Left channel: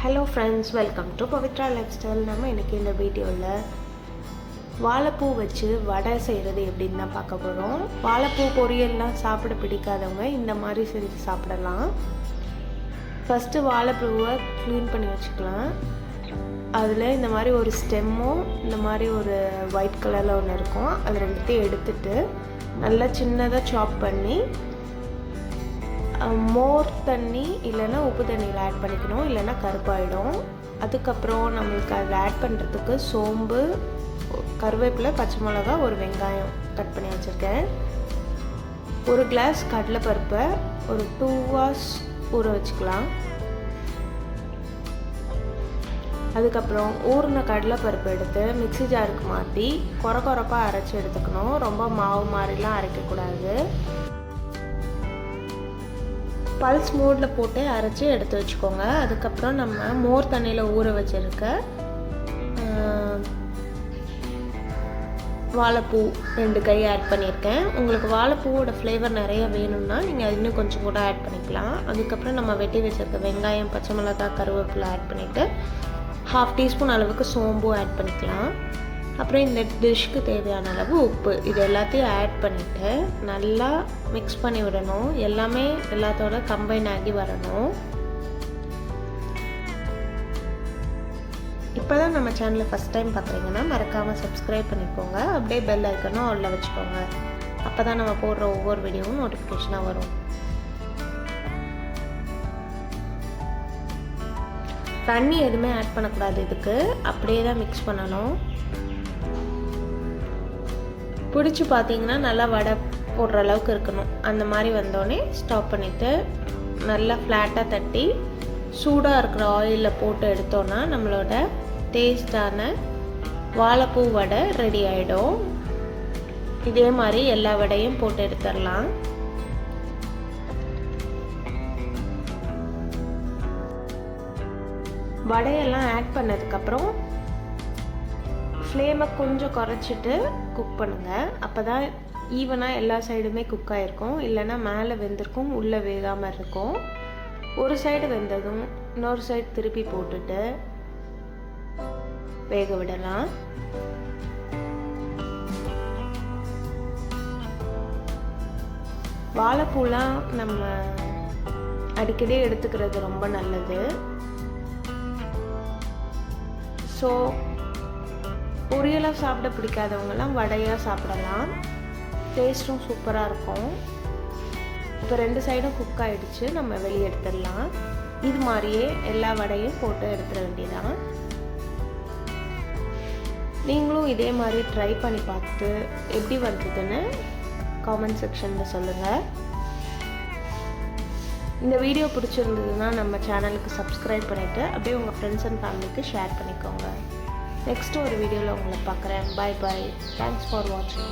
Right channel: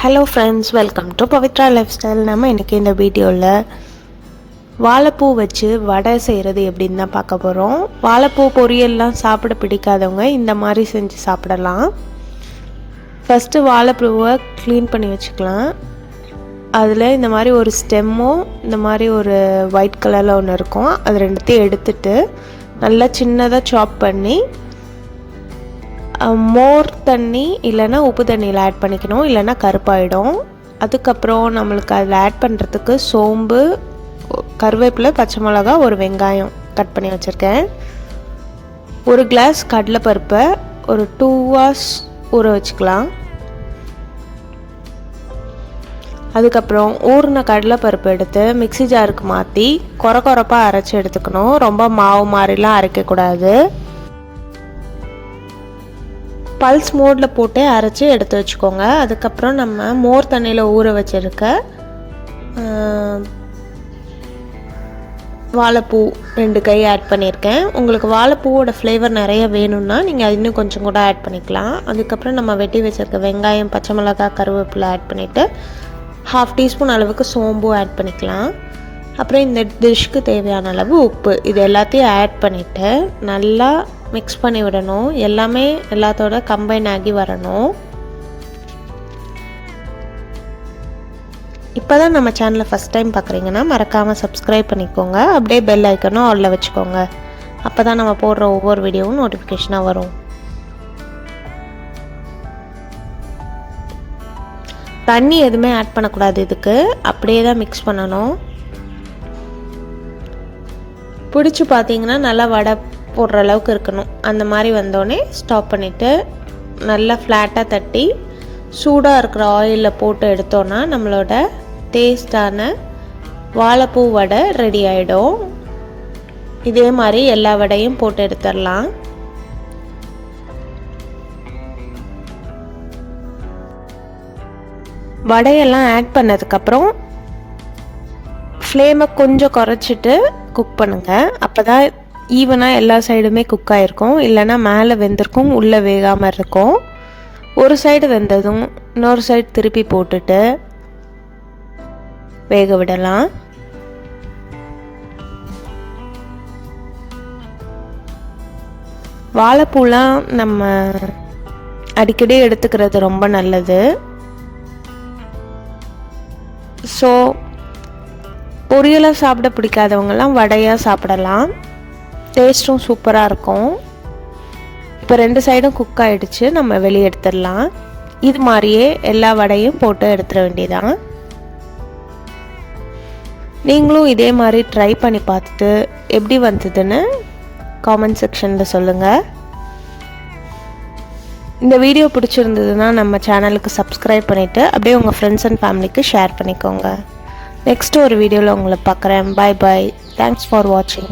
Hello friends, welcome to Pavithra life style. நம்ம இன்றைக்கி இந்த வீடியோவில் வாழைப்பூ வச்சு வடை செய்கிறது எப்படின்னு தான் பார்க்க போகிறோம். வாழைப்பூ பொரியல்லாம் சாப்பிட பிடிக்காதவங்க இந்த மாதிரி செஞ்சு சாப்பிடலாம். ஃபஸ்ட்டு வாழைப்பூவை க்ளீன் பண்ணி வச்சுக்கலாம். அதில் இந்த மாதிரி ஒரு ஸ்டெம்மும் இந்த மாதிரி ஒரு ஒயிட் கலரில் ஒன்று இருக்கும். அது ரெண்டுத்தையும் எடுத்துட்டு நல்லா சின்னதாக சாப் பண்ணி மோர் தண்ணி இல்லைன்னா உப்பு தண்ணியில் ஆட் பண்ணிக்கணும், இல்லைன்னா கருப்பாயிடும். அதுக்கப்புறம் நம்மளுக்கு அதில் ஆட் பண்ணுறதுக்கு சோம்பு, கருவேப்பிலை, பச்சை மிளகா, ஒரு வெங்காயம் கட் பண்ணி வச்சுருக்கேன். ஒரு கிளாஸ் கடலைப்பருப்பை ஒரு 2 hours ஊற வச்சுக்கலாம். அதுக்கப்புறம் ஊறின கடலைப்பருப்பு எடுத்து மிக்ஸி ஜாருக்கு மாற்றி கொரப்பாக அரைச்சி எடுத்துக்கணும். ரொம்ப மாவு மாதிரிலாம் அரைக்கக்கூடாது. பல்ஸ் மோடில் போட்டு அரைச்சி எடுத்து வச்சுக்கோங்க. அதுக்கப்புறம் நம்ம மோர் தண்ணியில் ஊற வச்சுருக்க வாழைப்பூ 2 கை ஆட் பண்ணியிருக்கேன். உங்களுக்கு வாழைப்பூவோட ஃப்ளேவர் நிறைய வேணும்னா நீங்கள் அது இன்னும் கொஞ்சம் கூட ஆட் பண்ணிக்கலாம். அதுக்கப்புறம் நம்ம வெட்டி வச்சுருக்க வெங்காயம், பச்சை மிளகாய், கருவேப்பிலை ஆட் பண்ணிவிட்டு 1/2 teaspoon அளவுக்கு சோம்பு ஆட் பண்ணிக்கலாம். அப்புறம் இந்த டிஷ்க்கு தேவையான அளவு உப்பு, இது எல்லாத்தையும் ஆட் பண்ணிவிட்டு நல்லா மிக்ஸ் பண்ணி விடணும். எல்லாமே எல்லாத்தோட கம்பைன் ஆகி வரணும். இப்போ தான் நம்ம சேனலை ஃபஸ்ட் டைம் பார்க்குறீங்கன்னா மறக்காமல் சப்ஸ்கிரைப் பண்ணிக்கோங்க. அப்படியே பெல் ஐக்கனும் ஆல்ல வச்சுக்கோங்க. அப்போ தான் நம்ம போடுற ஒவ்வொரு வீடியோவும் நோட்டிஃபிகேஷனாக வரும். தண்ணி எதுவுமே ஆட் பண்ணக்கூடாது. இதுக்கு அப்படியே தான் மிக்ஸ் பண்ணணும். பிடிச்சி பார்த்தீங்கன்னா நல்லா வடை போடுற அளவுக்கு இருக்கணும். அந்த மாதிரி வந்தோடனே ஸ்டாப் பண்ணிவிட்டு நல்லா ஃப்ளாட்டாக தட்டி சூடாக இருக்கிற ஆயிலில் போட்டு எடுத்தோன்னா நம்மளோட டேஸ்டான வாழைப்பூ வடை ரெடி ஆகிடும். இதே மாதிரி எல்லா வடையும் போட்டு எடுத்துடலாம். வடையெல்லாம் ஆட் பண்ணதுக்கப்புறம் ஃப்ளேமை கொஞ்சம் குறைச்சிட்டு குக் பண்ணுங்கள். அப்போ தான் ஈவனாக எல்லா சைடுமே குக் ஆகிருக்கும். இல்லைன்னா மேலே வெந்திருக்கும், உள்ளே வேகாமல் இருக்கும். ஒரு சைடு வெந்ததும் இன்னொரு சைடு திருப்பி போட்டுட்டு வேக விடலாம். வாழைப்பூலாம் நம்ம அடிக்கடி எடுத்துக்கிறது ரொம்ப நல்லது. ஸோ பொரியலாக சாப்பிட பிடிக்காதவங்கலாம் வடையாக சாப்பிடலாம். டேஸ்ட்டும் சூப்பராக இருக்கும். இப்போ 2 சைடும் குக் ஆகிடுச்சு. நம்ம வெளியே எடுத்துடலாம். இது மாதிரியே எல்லா வடையும் போட்டு எடுத்துட வேண்டியதான். நீங்களும் இதே மாதிரி ட்ரை பண்ணி பார்த்துட்டு எப்படி வந்ததுன்னு காமெண்ட் செக்ஷனில் சொல்லுங்கள். இந்த வீடியோ பிடிச்சிருந்ததுன்னா நம்ம சேனலுக்கு சப்ஸ்கிரைப் பண்ணிவிட்டு அப்படியே உங்கள் ஃப்ரெண்ட்ஸ் அண்ட் ஃபேமிலிக்கு ஷேர் பண்ணிக்கோங்க. நெக்ஸ்ட் ஒரு வீடியோவில் உங்களை பார்க்குறேன். பாய் பாய். தேங்க்ஸ் ஃபார் வாட்சிங்.